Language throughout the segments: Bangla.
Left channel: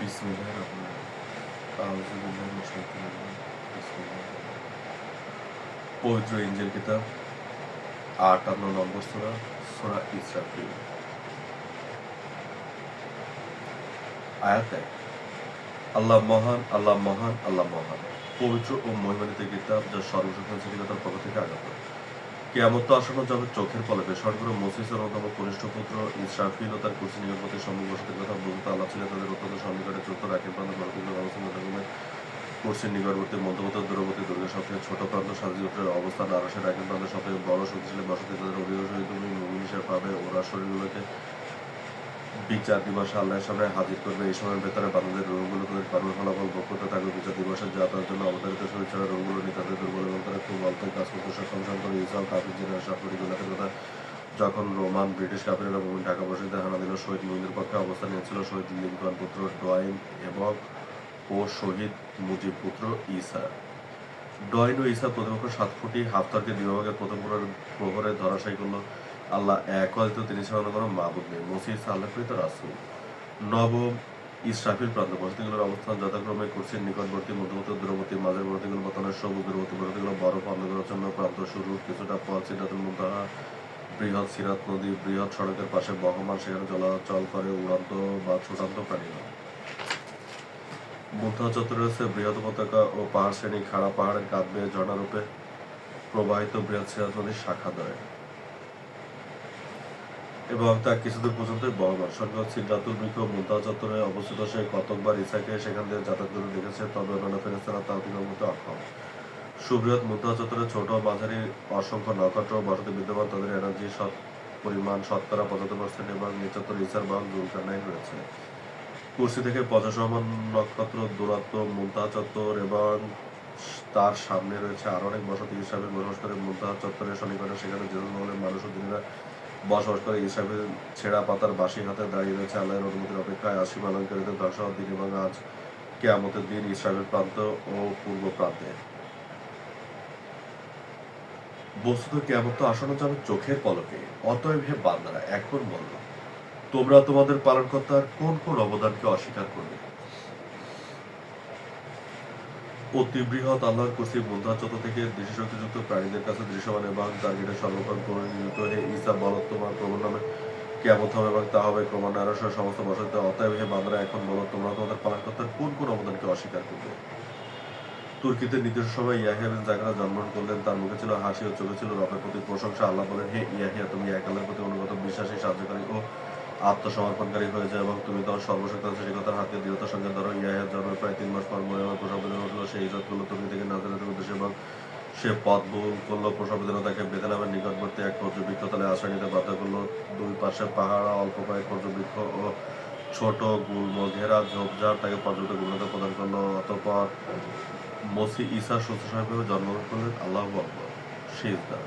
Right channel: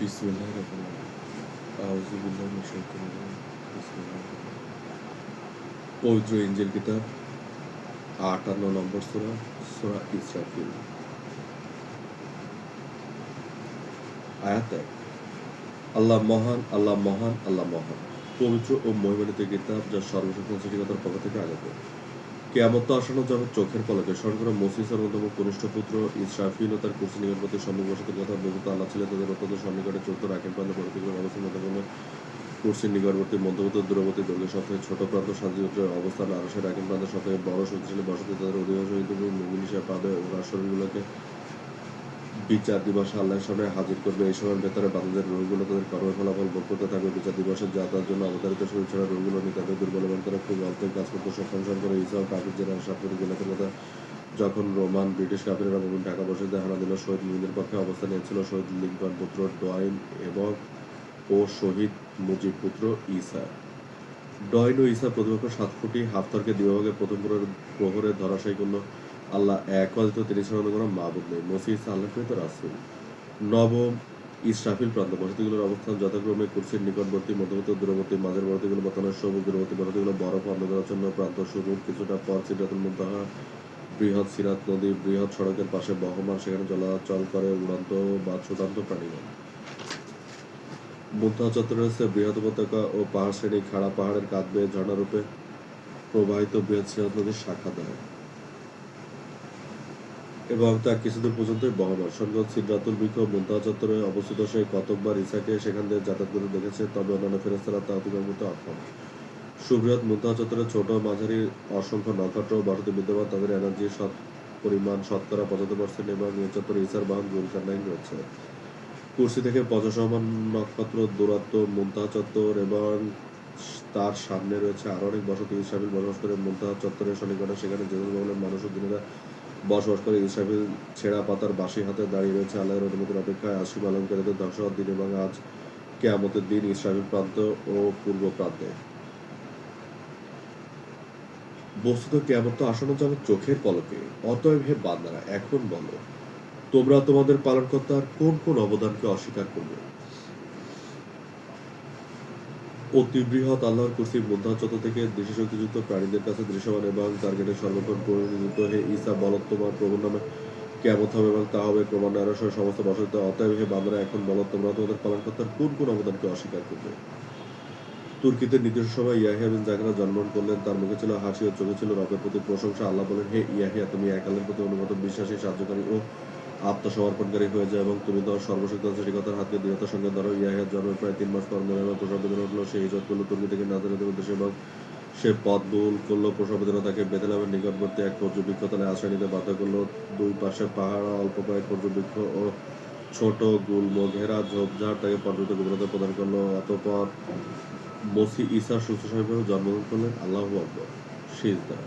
বিসমিল্লাহির রহমানির রহিম। আউযু বিল্লাহি মিনাশ শাইতানির রাজিম। বিসমিল্লাহির রহমানির রহিম। পবিত্র ইনজিল কিতাব ৫৮ নম্বর সূরা, সূরা ইসরাফিল। আয়াত ১। আল্লাহ মহান, আল্লাহ মহান, আল্লাহ মহান। পবিত্র ও মহিমান্বিত কিতাব যা সর্বশক্তিমান সৃষ্টিকর্তার পক্ষ থেকে আগত। কিয়ামত আসন্ন যাবে চোখের পলকে। স্মরণ করো মসিহর অন্যতম কনিষ্ঠ পুত্র ইসরাফিল ও তার কুরসি নিকটবর্তী সম্মুখ বসতির কথা। বলতে আল্লাহ ছিলেন তাদের অত্যন্ত সন্নিকটে চতুর রাখেন প্রান্ত পরবর্তীকালে আলোচনা যথাক্রমে কুরসির নিকটবর্তী মধ্যবর্তী দূরবর্তী দৈর্ঘ্যের সবথেকে ছোট প্রান্ত সাজিউটের অবস্থান আরশের রাখেন প্রান্ত সবথেকে বড় শক্তিশালী বসতি তাদের অধিকাংশ তুমি মুমিন হিসেবে পাবে। ওরা শরীরগুলোকে বিচার দিবসে আল্লাহর সামনে হাজির করবে। এই সময়ের ভেতরে বান্দাদের রূহগুলো তাদের কর্মের ফলাফল ভোগ করতে থাকবে। বিচার দিবসে যা তার জন্য অবতারিত শরীর ছাড়া রূহগুলো নিয়ে তাদের দুর্বল এবং তারা খুব অল্পই কাজ করতে সক্ষম করে। ইসরাও কাফির জেনারেল ৭ কোটি গুলাকের কথা যখন রোমান ব্রিটিশ কাফিরেরা মুমিন ঢাকা বসতিতে হানা দিল, শহীদ মুমিনদের পক্ষে অবস্থান নিয়েছিল শহীদ লিঙ্কন পুত্র ডয়েন এবং ও শহীদ মুজিব পুত্র ঈসা। ডয়েন ও ঈসা প্রতিপক্ষ ৭ ফুটি হাফতারকে দ্বিভাগে প্রথম প্রহরে ধরাশায়ী করল। আল্লাহ এক অদ্বিতীয়, তিনি ছাড়া অন্য কোনো মাবুদ নেই। মসিহ ঈসা আল্লাহর প্রেরিত রাসূল। নবম ইসরাফিল প্রান্ত বসতিগুলোর অবস্থান যথাক্রমে কুরসির নিকটবর্তী, মধ্যবর্তী, দূরবর্তী। মাঝের বসতিগুলো বর্তমানে সবুজ, দূরবর্তী বসতিগুলো বরফ অন্ধকারাচ্ছন্ন প্রান্ত। শুরুর কিছুটা পর সিদরাতুল মুনতাহা, বৃহৎ সিরাত নদী বৃহৎ সড়কের পাশে বহমান, সেখানে চলাচল করে উড়ান্ত বা ছুটান্ত প্রাণীগণ। মুনতাহা চত্বরে রয়েছে বৃহৎ উপত্যকা ও পাহাড় শ্রেণী। খাড়া পাহাড়ের কাঁধ বেয়ে ঝর্ণারূপে প্রবাহিত বৃহৎ সিরাত নদীর শাখাদ্বয় এবং তা কিছুদূর পর্যন্তই বহমান। সৈন্যগণ সিদরাতুল বৃক্ষ মুনতাহা চত্বরে অবস্থিত। সেই কতকবার ঈসাকে সেখান দিয়ে যাতায়াত করে দেখেছে, তবে অন্যান্য ফেরেশতারা তা অতিক্রম করতে অক্ষম। সুবৃহৎ মুনতাহা চত্বরে ছোট মাঝারি অসংখ্য নক্ষত্র বসতি বিদ্যমান। তাদের এনার্জি পরিমাণ শতকরা ৭৫% এবং এই চত্বরে ঈসার বাহন যুলকারনাইন রয়েছে। কুরসি থেকে ৫০ নক্ষত্র দূরত্ব। মুনতাহা চত্বর এবং তার সামনে রয়েছে আরো অনেক বসতি। ইসরাফিল বসবাস করে মুনতাহা চত্বরের সন্নিকটে। সেখানে জেরুজালেম ভবনের মানুষ ও জিনেরা বসবাস করে। ইসরাফিল ছেঁড়া পাতার বাঁশি হাতে দাঁড়িয়ে রয়েছে আল্লাহর অনুমতির অপেক্ষায়। আসীম আলঙ্কারিত ধ্বংস হওয়ার দিন এবং আজ কিয়ামতের দিন ইসরাফিল প্রান্ত ও পূর্ব প্রান্তে। বস্তুত কিয়ামত তো আসন্ন যাবে চোখের পলকে। অতএব হে বান্দারা, এখন বলো তোমরা তোমাদের পালনকর্তার কোন কোন অবদানকে অস্বীকার করবে। অতি বৃহৎ আল্লাহর কুরসি মুনতাহা চত্বর থেকে দৃষ্টিশক্তিযুক্ত প্রাণীদের কাছে দৃশ্যমান এবং টার্গেটের সর্বক্ষণ পরিণত। হে ঈসা, বলো তোমার প্রভুর নামে কিয়ামত হবে এবং তা হবে ক্রমান্বয়ে আরশের সমস্ত বসতিতে। অতএব হে বান্দারা, এখন বলো তোমরা তোমাদের পালনকর্তার কোন কোন অবদানকে অস্বীকার করবে। তুর্কিতে নির্দিষ্ট সময় ইয়াহিয়া বিন জাকারিয়া জন্মগ্রহণ করলেন। তার মুখে ছিল হাসি ও চোখে ছিল রবের প্রতি প্রশংসা। আল্লাহ বলেন, হে ইয়াহিয়া, তুমি এক আল্লাহর প্রতি অনুগত, বিশ্বাসী, সাহায্যকারী ও আত্মসমর্পণকারী হয়ে যায় এবং তুমি তোমার সর্বশক্তিমান সৃষ্টিকর্তার হাতকে দৃঢ়তার সঙ্গে ধরো। ইয়াহিয়ার জন্মের প্রায় ৩ মাস পর মরিয়মের প্রসব বেদনা উঠল। সে হিজরত করল তুর্কি থেকে নাজারেতের উদ্দেশ্যে এবং সে পথ ভুল করল। প্রসব বেদনা তাকে বেথলেহেমের নিকটবর্তী এক খর্জুর বৃক্ষতলে আশ্রয় নিতে বাধ্য করল। দুই পাশে পাহাড়, অল্প কয়েক খর্জুর বৃক্ষ ও ছোট গুল্ম ঘেরা ঝোপঝাড় তাকে পর্যাপ্ত গভীরতা প্রদান করল। অতঃপর মসিহ ঈসা সুস্থ স্বাভাবিকভাবে জন্মগ্রহণ করলেন। আল্লাহু আকবার। সিজদা।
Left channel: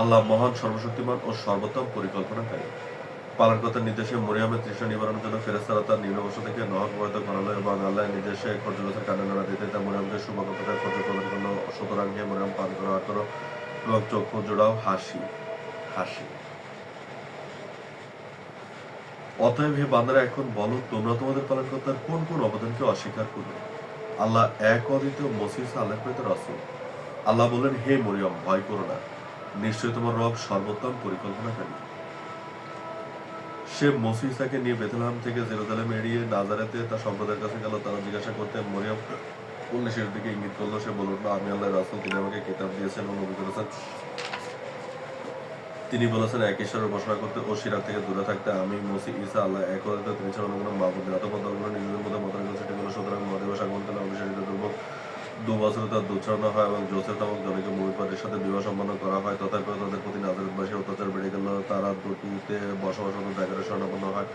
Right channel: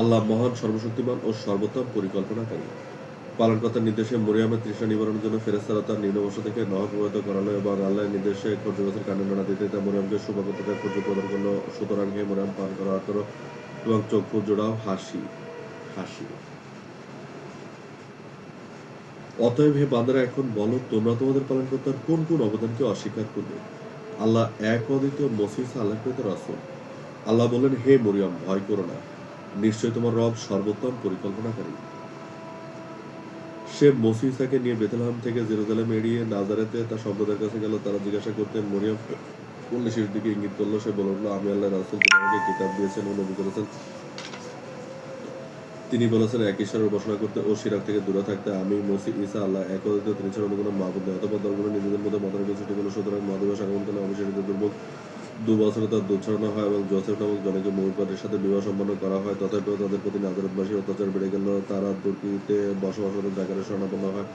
আল্লাহ মহান, সর্বশক্তিমান ও সর্বোত্তম পরিকল্পনাকারী। পালনকর্তার নির্দেশে মরিয়মের তৃষ্ণা নিবারণের জন্য ফেরেশতারা তার নিম্নবর্ষ থেকে নহর প্রবাহিত করালো এবং আল্লাহর নির্দেশে খর্জুর গাছের কাণ্ডে নাড়া দিতে তা মরিয়মকে সুপাকৃতটা খর্জুর প্রদান করলো। সুতরাং হে মরিয়ম, পান করো এবং চক্ষু জোড়াও। হাসি হাসি। অতএব হে বান্দারা, এখন বলো তোমরা তোমাদের পালনকর্তার কোন কোন অবদানকে অস্বীকার করবে। আল্লাহ এক অদ্বিতীয়, মসিহ ঈসা আল্লাহর প্রেরিত রাসূল। আল্লাহ বললেন, হে মরিয়ম, ভয় করো না, নিশ্চয় তোমার রব সর্বোত্তম পরিকল্পনাকারী। সে মসিহ ঈসাকে নিয়ে বেথলেহেম থেকে জেরুজালেম এড়িয়ে নাজারেতে তার সম্প্রদায়ের কাছে গেল। তারা জিজ্ঞাসা করতে মরিয়ম উল্লেসের দিকে ইঙ্গিত করলো। সে বলল, আমি আল্লাহর রাসূল, তিনি আমাকে কিতাব দিয়েছেন ও নবী করেছেন। তিনি বলেছেন এক ঈশ্বরের উপাসনা করতে ও শিরক থেকে দূরে থাকতে। আমি মসিহ ঈসা আল্লাহ এক অদ্বিতীয়, তিনি ছাড়া অন্য কোনো মাবুদ নেই। অতঃপর দলগুলো নিজেদের মধ্যে মতানৈক্য সৃষ্টি করল। সুতরাং মহাদিবস আগমনকালে অভিষেচিত দুর্ভোগ ২ বছরে তার দুধ ছড়ানো হয় এবং জোসেফ নামক জনকে মুমির সাথে বিবাহ সম্পন্ন করা হয়। তথাপিও তাদের প্রতি নাজারেতবাসীর অত্যাচার বেড়ে গেল। তারা তুর্কিতে বসবাসরত জাকারিয়ার শরণাপন্ন হয়।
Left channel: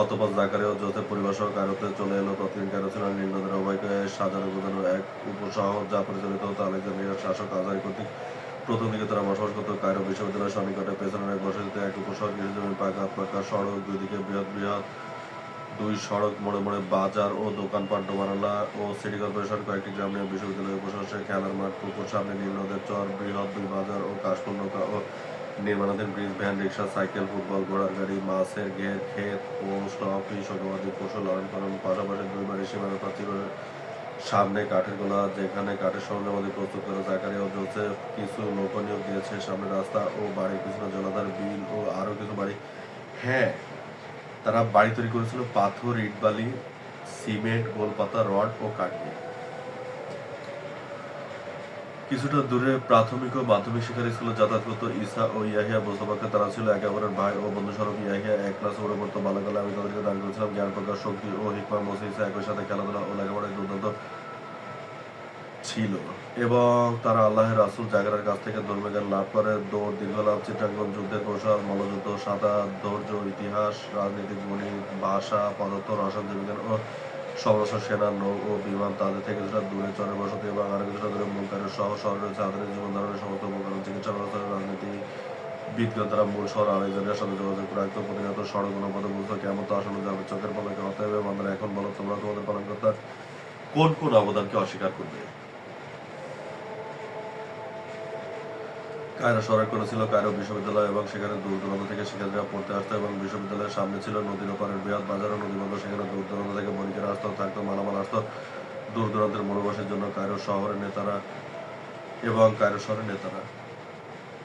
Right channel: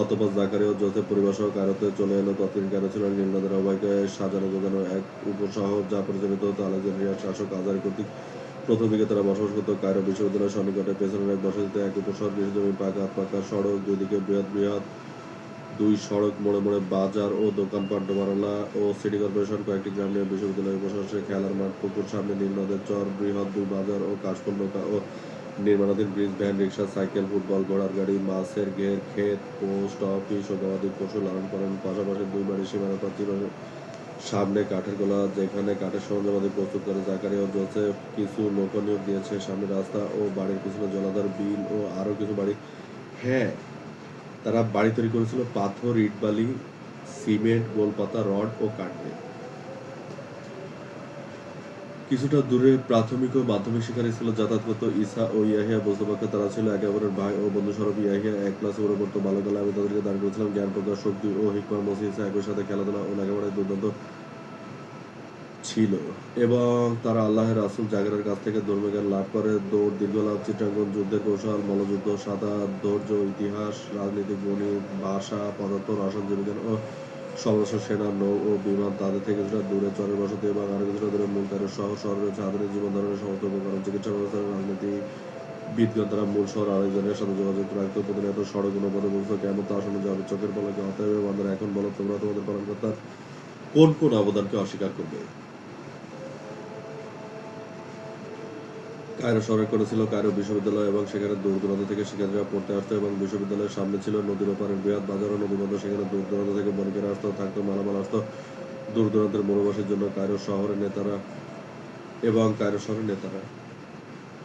অতঃপর জাকারিয়া ও জোসেফ পরিবার সহ কায়রোতে চলে এলো। তৎকালীন কায়রো ছিল নীল নদের অববাহিকায় সাজানো গোছানো এক উপশহর, যা পরিচালিত হতো আলেকজান্দ্রিয়ার শাসক আজারি কর্তৃক। প্রথম দিকে তারা বসবাস করত কায়রো বিশ্ববিদ্যালয়ের সন্নিকটে। পেছনের এক বসতিতে এক উপশহর, কৃষিজমি, পাকা সড়ক, দুই দিকে বৃহৎ বৃহৎ দুই সড়ক, মোড়ে মোড়ে বাজার ও দোকানপাট, ডোমারলা ও সিটি কর্পোরেশন, কয়েকটি গ্রাম নিয়ে বিশ্ববিদ্যালয় উপশহরে খেলার মাঠ, পুকুর, সামনে নীল নদের চর, বৃহৎ দুই বাজার ও কাশফুল নৌকা ও নির্মাণাধীন ব্রিজ, ভ্যান, রিক্সা, সাইকেল, ফুটবল, ঘোড়ার গাড়ি, মাছের ঘের, ক্ষেত, পোস্ট অফিস ও গবাদি পশু লালন পালন, পাশাপাশি দুই বাড়ির সীমানা প্রাচীর সামনে কাঠের গোলা যেখানে কাঠের সরঞ্জামাদি প্রস্তুত করে জাকারিয়া ও জোসেফ কিছু লোক নিয়োগ দিয়েছে। সামনে রাস্তা ও বাড়ির পিছনে জলাধার, বিল ও আরো কিছু বাড়ি। হ্যাঁ, তারা বাড়ি তৈরি করেছিল পাথর, ইট, বালি, সিমেন্ট, গোলপাতা, রড ও কাঠ দিয়ে। কিছুটা দূরে প্রাথমিক ও মাধ্যমিক শিক্ষার স্কুলে যাতায়াত করতো ঈসা ও ইয়াহিয়া। বুঝতে তারা ছিল একে অপরের ভাই ও বন্ধু স্বরূপ। ইয়াহিয়া এক ক্লাসে উপরে পড়তো। বাল্যকালে আমি তাদেরকে দান করেছিলাম জ্ঞান প্রকাশ, শক্তি ও হিকমা। মসি ঈসা একই সাথে খেলাধুলা ও লেখাপড়ায় দুর্দান্ত ছিল এবং তারা আল্লাহের রাসূল জাগরার কাছ থেকে ধর্মীয় জ্ঞান লাভ করে। দৌড়, দীর্ঘ লাভ, চিত্রাঙ্কন, যুদ্ধের কৌশল, মল্লযুদ্ধ, সাঁতার, ধৈর্য, ইতিহাস, রাজনীতি, গণিত, ভাষা, পদার্থ, রসায়ন, জীববিজ্ঞান ও সমাজশাস্ত্র, সেনা, নৌ ও বিমান। তাদের থেকে কিছুটা দূরে চরের বসতি এবং আরো কিছুটা দূরে মূল কায়রো শহর। শহরে রয়েছে আধুনিক জীবন ধারণের সমস্ত উপকরণ। চিকিৎসা ব্যবস্থা, রাজনীতি বিজ্ঞান তারা মূল শহর আলেকজান্ড্রিয়ার সাথে যোগাযোগ রাখত। প্রতিনিয়ত সড়ক অনুপদে বলতো কেমন তো আসন্ন যাবে চোখের পলকে। অতএব বান্দারা এখন বলো তোমরা তোমাদের পালনকর্তার কোন কোন অবদানকে অস্বীকার করবে? কায়রো শহরের কোণে ছিল কায়রো বিশ্ববিদ্যালয় এবং সেখানে দূর দূরান্ত থেকে শিক্ষার্থীরা পড়তে আসতো এবং বিশ্ববিদ্যালয়ের সামনে ছিল নদীর ওপারের বৃহৎ বাজার ও নদীবন্দর। সেখানে দূর দূরান্ত থেকে বণিকেরা আসতো, থাকতো, মালামাল আসতো দূর দূরান্তের মনোবাসের জন্য। কায়রো শহরের নেতারা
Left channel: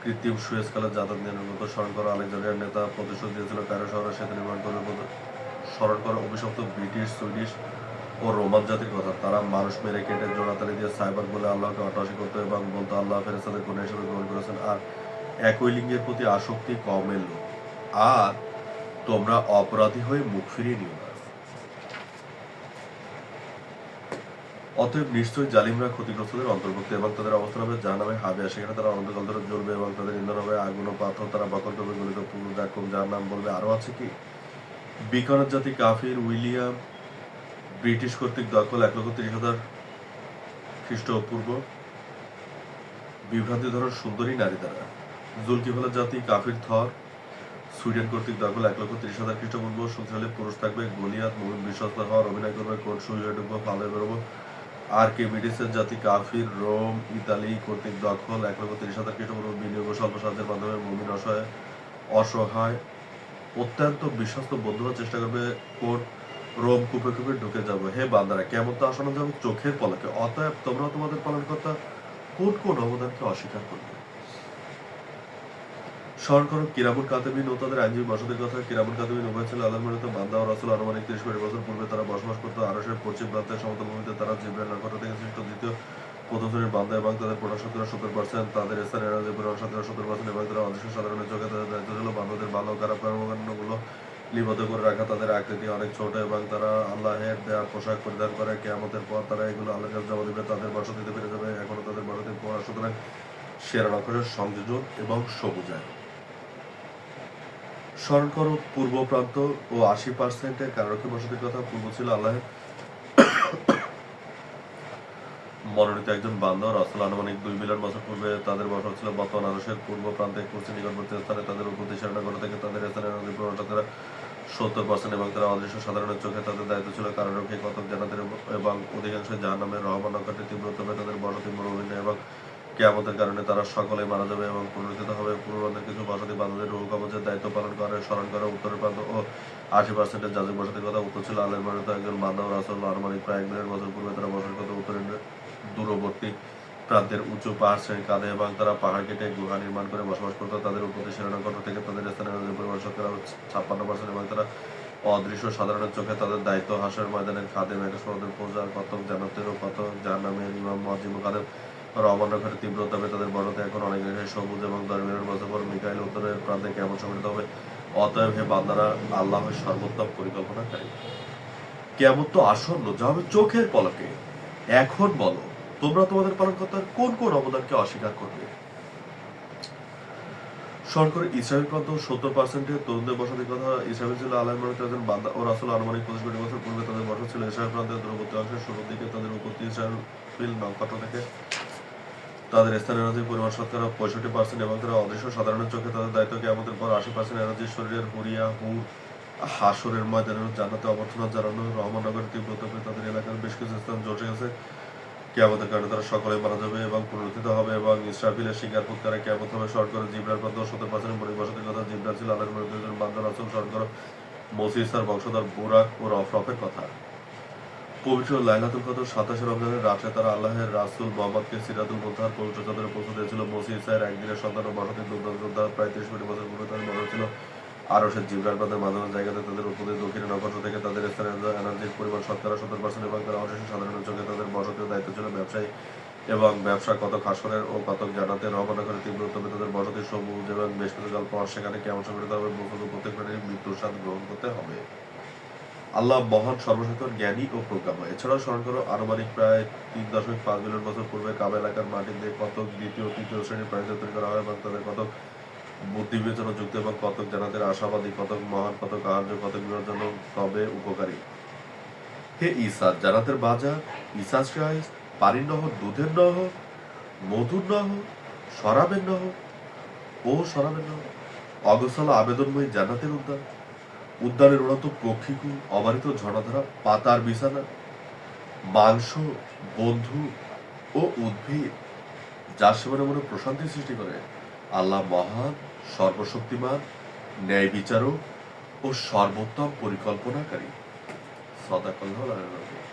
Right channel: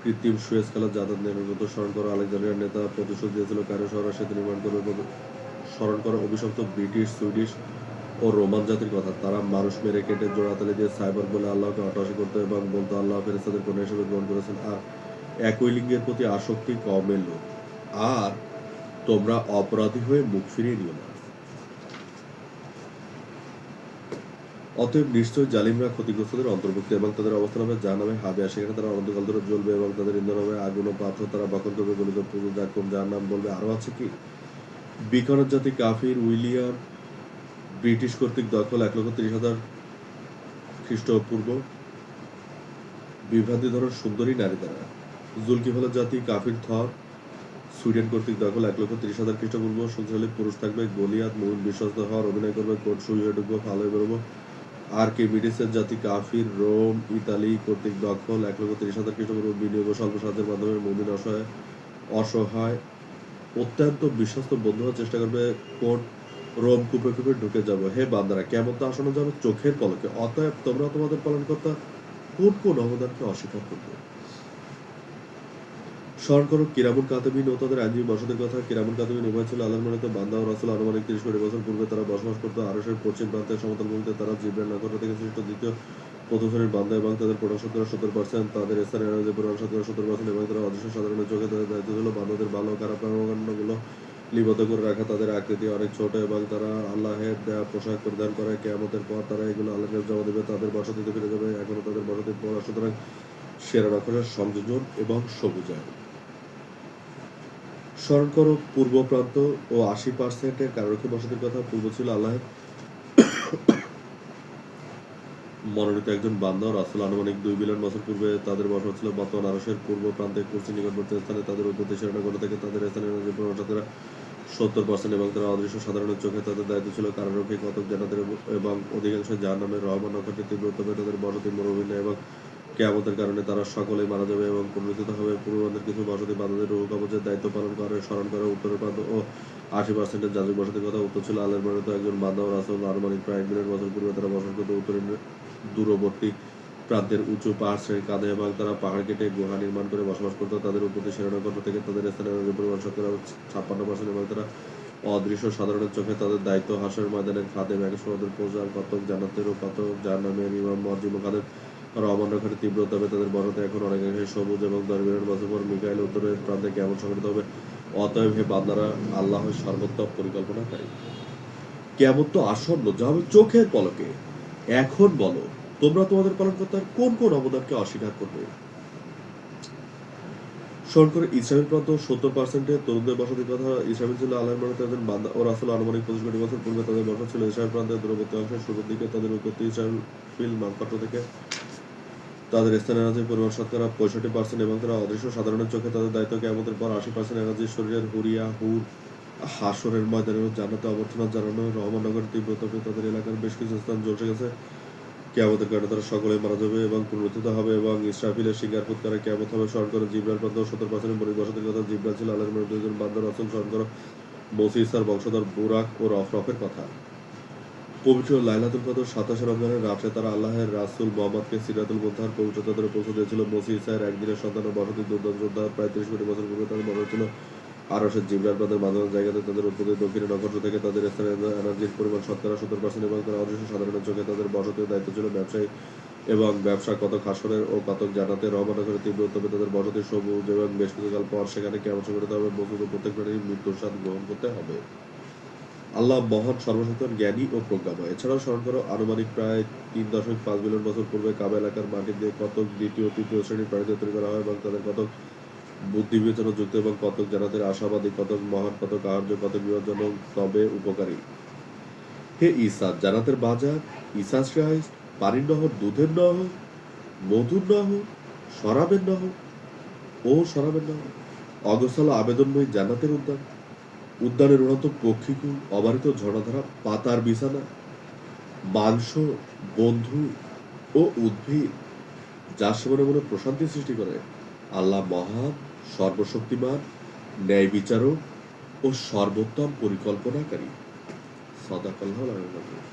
কৃত্রিম সুয়েজ খালের যাতায়াত নিয়ন্ত্রণ স্মরণ করা। আলেকজান্ড্রিয়ার নেতা প্রতিশোধ দিয়েছিল কায়রো শহরে সেতু নির্মাণ করবে। স্মরণ করা অভিশপ্ত ব্রিটিশ, সুইডিশ ও রোমান জাতির কথা। তারা মানুষ মেরে কেটে জোড়াতালি দিয়ে সাইবার বলে আল্লাহকে অট্টহাসি করতো এবং বলতো আল্লাহ ফেরেশতাদের কন্যা হিসেবে গ্রহণ করেছেন আর একই লিঙ্গের প্রতি আসক্তি কমের লোক। আর তোমরা অপরাধী হয়ে মুখ ফিরিয়ে নিও না। অতএব নিশ্চয় জালিমরা ক্ষতিগ্রস্তদের অন্তর্ভুক্ত এবং তাদের অবস্থান হবে জাহান্নামে হাবিয়া। সেখানে তারা অনন্তকাল ধরে জ্বলবে এবং তাদের ইন্ধন হবে আগুন ও পাথর। তারা বকন করবে, গলিত পুকুর, জাকুম, যার নাম বলবে আরো আছে কি? বিকানের জাতি কাফির, উইলিয়াম ব্রিটিশ কর্তৃক দখল 1,30,000 খ্রিস্টপূর্ব। বিভ্রান্তি ধরন সুন্দরী নারী দ্বারা। জুলকিফলের জাতি কাফির, থর সুইডেন কর্তৃক দখল 1,30,000 খ্রিস্টপূর্ব। শক্তিশালী পুরুষ থাকবে। গলিয়াত মুমিন বিশ্বস্ত হওয়ার অভিনয় করবে। কোট শুই হয়ে ঢুকবো, ফাল হয়ে বেরোবো। আর কে মিডিসের জাতি কাফির, রোম ইতালি কর্তৃক দখল 1,30,000 খ্রিস্টপূর্ব। বিনিয়োগ ও স্বল্প সাহায্যের মাধ্যমে মুমিন অসহায় অত্যন্ত বিশ্বস্ত বন্ধু হওয়ার চেষ্টা করবে। কোট রোম কূপে কূপে ঢুকে যাব। হে বান্দারা, কেমন তো আসন্ন যাবে চোখের পলকে। অতএব তোমরা তোমাদের পালনকর্তা কোন কোন অবদানকে অস্বীকার করবে? স্মরণ করো কিরামুল কাতিবিন ও তাদের আইনজীবী বসতির কথা। কিরামুল কাতিবিন উভয় ছিল আল্লাহর মনোনীত বান্দা ও রাসূল। আনুমানিক 30 কোটি বছর পূর্বে তারা বসবাস করত আরশের পশ্চিম প্রান্তের সমতল ভূমিতে। তারা জিবরাইল নক্ষত্র থেকে সৃষ্ট দ্বিতীয় প্রথম শ্রেণীর বান্দা এবং তাদের প্রোডাক্ট শতকরা 70%। তাদের স্থানীয় এনার্জি পরিমাণ শতকরা 70% এবং তারা অদৃশ্য সাধারণের চোখে তাদের দায়িত্ব ছিল বান্দাদের ভালো ও খারাপ কর্মকাণ্ডগুলো লিপিবদ্ধ করে রাখা। তাদের আকৃতি অনেক ছোট এবং তারা আল্লাহের দেয়া পোশাক পরিধান করে। কিয়ামতের পর তারা এগুলো আল্লাহর কাছে জমা দেবে। তাদের বসতিতে ফিরে যাবে। এখনো তাদের বসতি পড়া। সুতরাং সেরা নক্ষত্রের সংযোজন এবং সবুজায়ন। স্মরণ করো পূর্ব প্রান্ত ও 80% কারারক্ষী বসতির কথা। পূর্ব ছিল আল্লাহের মনোনীত একজন বান্দা ও রাসূল। আনুমানিক 2 বিলিয়ন বছর পূর্বে তাদের বসবাস ছিল বর্তমান আরশের পূর্ব প্রান্তে কুরসির নিকটবর্তী স্থানে। তাদের উৎপত্তি সেনাগর থেকে। তাদের স্থানীয় এনার্জি পরিমাণ শতকরা 70% এবং তারা অদৃশ্য সাধারণের চোখে। তাদের দায়িত্ব ছিল কারারক্ষী, কতক জান্নাতের এবং অধিকাংশ জাহান্নামের। রহমান নক্ষত্রের তীব্র উত্তাপে তাদের বসতি মরুভূমি এবং কিয়ামতের কারণে তারা সকলেই মারা যাবে এবং পুনরুত্থিত হবে। পূর্বপ্রান্তের কিছু বসতি বান্দাদের রূহ কবজের দায়িত্ব পালন করে। স্মরণ করে উত্তরের প্রান্ত ও 80% যাজক বসতির কথা। উত্তর ছিল আল্লাহর মনোনীত একজন বান্দা ও রাসূল। আনুমানিক প্রায় 1 বিলিয়ন বছর পূর্বে তারা বসবাস করত উত্তরের দূরবর্তী প্রান্তের উঁচু পাহাড় শ্রেণীর কাঁধে এবং তারা পাহাড় কেটে গুহা নির্মাণ করে বসবাস করত। তাদের উৎপত্তি সেনানগর থেকে। তাদের স্থানীয় এনার্জি পরিমাণ শতকরা 56% এবং তারা অদৃশ্য সাধারণের চোখে। তাদের দায়িত্ব হাসরের ময়দানের খাদেম, এক সমুদ্রের প্রজার, কতক জান্নাতের ও কতক জাহান্নামের ইমাম, মুয়াজ্জিম ও খাদেম। রহমান নক্ষত্রের তীব্র উত্তাপে তাদের বসতি এখন অনেকাংশে সবুজ এবং 10 বিলিয়ন বছর পর মিকাইল উত্তরের প্রান্তে কেমন সংঘটিত হবে। অতএব হে বান্দারা, আল্লাহর সর্বোত্তম পরিকল্পনাকারী। কিয়ামত তো আসন্ন, যা হবে চোখের পলকে। এখন বলো তোমরা তোমাদের পালনকর্তার কোন কোন অবদানকে অস্বীকার করবে? স্মরণ করে ইসরায়েল প্রান্ত 70% তরুণদের বসতির কথা। ইসরায়েল ছিল আল্লাহর মনোনীত একজন বান্দা ও রাসূল। আনুমানিক 25 কোটি বছর পূর্বে তাদের বসতি ছিল ইসরায়েল প্রান্তের দূরবর্তী অংশের শুরুর দিকে। তাদের উৎপত্তি ইসরায়েল নক্ষত্র থেকে। তাদের স্থানীয় এনার্জির পরিমাণ শতকরা 65% এবং তারা অদৃশ্য সাধারণের চোখে। তাদের দায়িত্ব কিয়ামতের পর 80% এনার্জি শরীরের হুরিয়া, হুর, হাসরের ময়দানে জান্নাতে অবর্তমানে জানানো। রহমান নগরের তীব্র তাপে তাদের এলাকার বেশ কিছু স্থান ঝলসে গেছে। কিয়ামতের কারণে তারা সকলেই মারা যাবে এবং পুনরুত্থিত হবে এবং ইসরাফিলের সিঙ্গার ফুৎকারে কিয়ামত হবে স্মরণ করো জিবরার প্রান্ত 70% মৌলিক বসতির কথা। জিবরা ছিল আল্লাহর মধ্যে একজন বান্দা রাসূল। স্মরণ করো মসি ইসার বংশধর বুরাক ও রফরফের কথা। পবিত্র লাইলাতুল কদর 27 রমজানের রাতে তারা আল্লাহের রাসূল মুহাম্মদকে সিরাতুল মুনতাহার পবিত্র চাদরে পৌঁছে দিয়েছিল। মসি ইসার একদিনের সন্তান ও বসতি দুর্দান্ত যোদ্ধা। প্রায় 30 কোটি বছর পূর্বে তাদের মনে ছিল আরশের জিবরার প্রান্তের মাঝামাঝি জায়গাতে তাদের উৎপত্তি। দক্ষিণে নক্ষত্র থেকে তাদের স্থানে এনার্জির পরিমাণ শতকরা 70% এবং তারা অদৃশ্য সাধারণের চোখে তাদের বসতির দায়িত্ব ছিল ব্যবসায়ী এবং ব্যবসা কতক হাসরের ও কতক জান্নাতে রওনা করে তীব্র উত্তমে তাদের বসতি সবুজ এবং বেশ কিছুকাল পর সেখানে কেমন সংগঠিত হবে। বস্তুত প্রত্যেক প্রাণীর মৃত্যুর স্বাদ গ্রহণ করতে হবে। আল্লাহ মহান, সর্বশক্তিমান, জ্ঞানী ও প্রজ্ঞাময়। এছাড়াও স্মরণ করো আনুমানিক প্রায় 3.5 বিলিয়ন বছর পূর্বে কাবা এলাকার মাটি দিয়ে কতক দ্বিতীয় ও তৃতীয় শ্রেণীর প্রাণীদের তৈরি করা হয় এবং তাদের কতক বুদ্ধি বিবেচনা যুক্ত এবং কতক জান্নাতের আশাবাদী, কতক মহান, কতক আহার্য, কতক বিপজ্জনক তবে উপকারী। হে ঈসা, জান্নাতের বাজার, ঈসা শ্রাইস, পানির নহর, দুধের নহর, মধুর নহর, শরাবের নহর ও শরাবের নহর, অগোছালো আবেদনময়ী জান্নাতের উদ্যান, উদ্যানের উন্নত পক্ষীকুল, অবারিত ঝর্ণাধারা, পাতার বিছানা, মাংস, বন্ধু ও উদ্ভিদ যা সেবনে মনে প্রশান্তি সৃষ্টি করে। আল্লাহ মহান, সর্বশক্তিমান, ন্যায় বিচারক ও সর্বোত্তম পরিকল্পনাকারী। সাদাকাল্লাহুল আলিয়্যুল আযীম।